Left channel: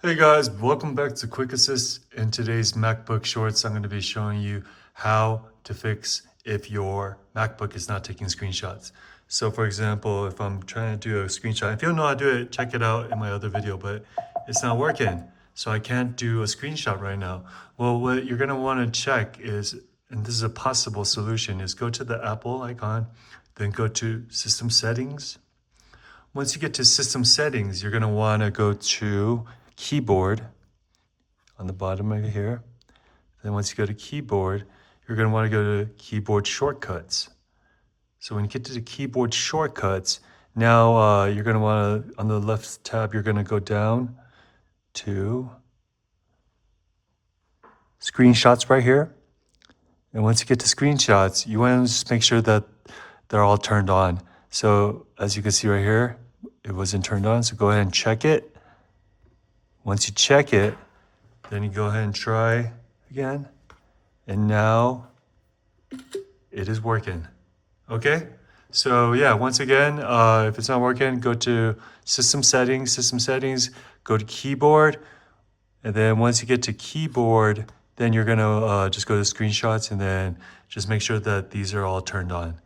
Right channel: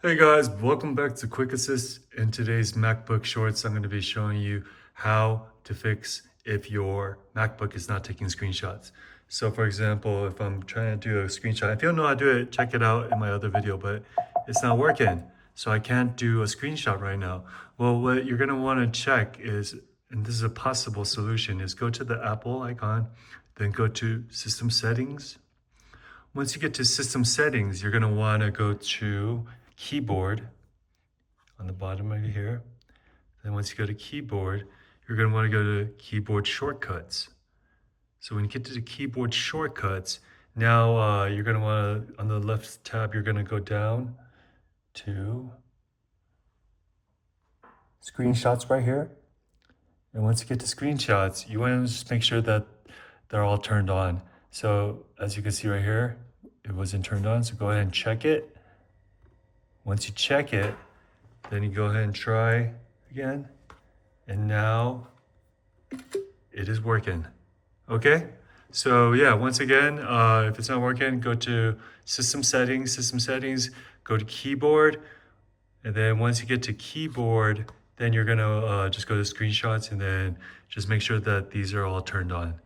Hey guys, welcome back to Quick Assist. In today's MacBook Shorts, I'm going to be showing you how to fix if your MacBook is not taking screenshots. So for example, if I'm trying to do a screenshot, if you don't know how to do it, check it out in my other video, but it's not working. So I can't do a screenshot right now. Well, what you're going to want to check is, and this is a possible solution, is go to the Apple icon, then go to System Settings. Once you get to System Settings, you're going to want to go to Keyboard on the bottom right here. Then once you go to Keyboard, you're going to want to go to Keyboard Shortcuts. So when you get to the Keyboard Shortcuts, now you're going to want to, on the left tab, you're going to go down to Screenshots right here. And once you get to Screenshots, you want to just make sure that they're all turned on. So as you can see right here, it wasn't turned on, so go ahead and check it. Once you check it, then you go ahead and try again. And now it is working. Okay? So yeah, once again, if it's not working, go to System Settings, go to Keyboard. And then once you get to Keyboard, then you're gonna just go to Screenshots and then just make sure that these are all turned on.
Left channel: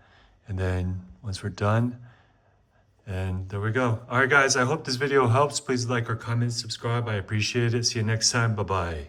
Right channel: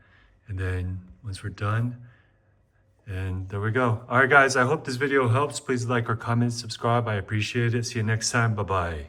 And then once we're done, and there we go. All right, guys, I hope this video helps. Please like or comment, subscribe. I appreciate it. See you next time. Bye-bye.